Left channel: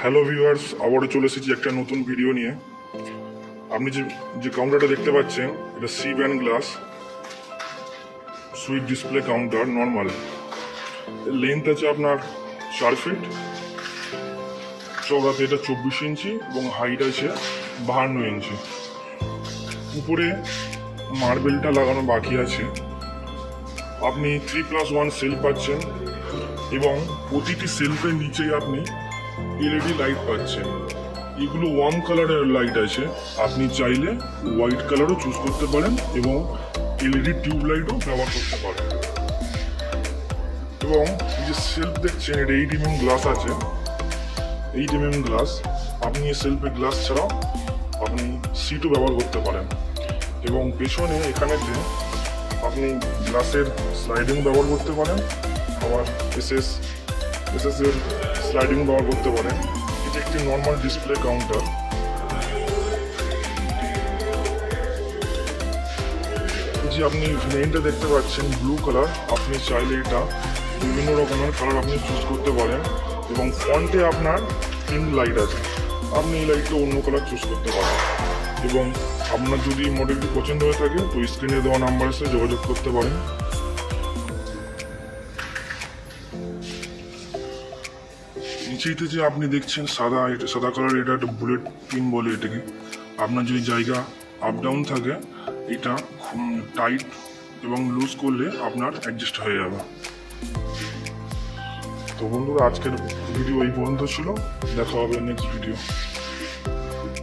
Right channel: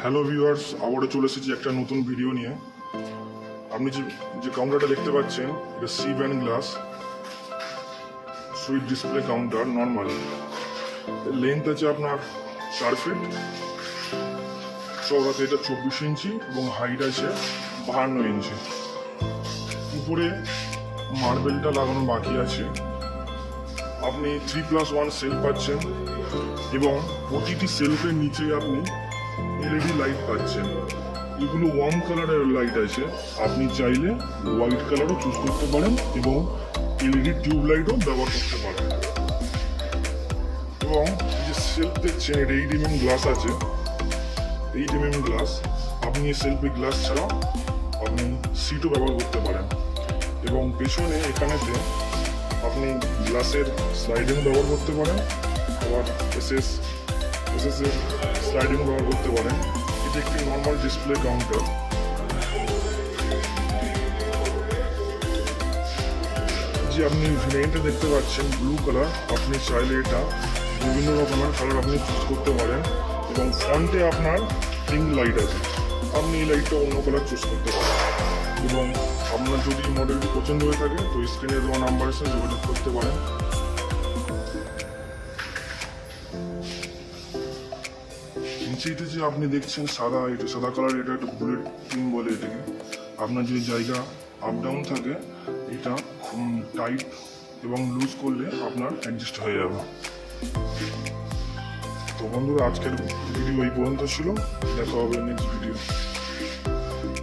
Hello viewers, আবারও চলে এসেছি একটা নতুন ভিডিও নিয়ে। আপনি যে কাউন্টারটা দেখতে পাচ্ছেন, এটা C band glass sweet display counter normal. Length আছে আপনার 4 ফিট, চওড়াতে এটা 24 ইঞ্চি এবং হাইট আছে 52 ইঞ্চি। উপরে মার্বেলটা লাগানো বাকি আছে। আপনি 3+1 সেল পাচ্ছেন এবং প্রতিটি সেলফের নিচেই আপনি এলইডি লাইট পাচ্ছেন। এগুলো ওয়ার্ম কালারের লাইট আছে, আপনি চাইলে হোয়াইট কালারও চুজ করতে পারেন এবং এলইডি টিউব লাইটও ব্যবহার করতে পারেন। এবং এই যে সেলফ দেখছেন, এটা 8 mm গ্লাস আছে। 8 mm গ্লাস, আপনি এই সেলফে গ্লাস ছাড়াও আপনি সিটও ব্যবহার করতে পারেন। এবং পেছনে এখানেতে আপনি গ্লাসের স্লাইডিং ব্যবহার করতে পারেন, আবার এসএস এর স্লাইডিং ব্যবহার করতে পারেন। এটি একটি নর্মাল ডিসপ্লে কাউন্টার। যে আপনি ভেরিয়েন্টে দেখতে পাচ্ছেন ব্লু কালার, আপনি চাইলে এটা বিভিন্ন রকমের কালার আপনি চুজ করতে পারেন। এবং ফ্রন্টে আপনার পিঙ্ক লাইট আছে, আপনি এই লাইটটা অন্য কালার চুজ করতে পারেন। এবং আপনার যদি মডেলটি পছন্দ হয়ে থাকে তো স্ক্রিনে দেওয়া নাম্বারের সাথে যোগাযোগ করতে পারেন। নিচেইতে যে আপনি দেখছেন সাদা, এটা সাদা কালার, এটা একটা বুলেট পিঙ্ক বলে এটাকে। আপনার যদি জায়গা আপ ডাউন থাকে, এটা খুব টাইট এবং লুজ করলে আপনার অ্যাডজাস্ট হয়ে যাবে। তো বন্ধুরা, আজকের ভিডিও এই পর্যন্ত ছিল। দেখা হবে নেক্সট ভিডিও।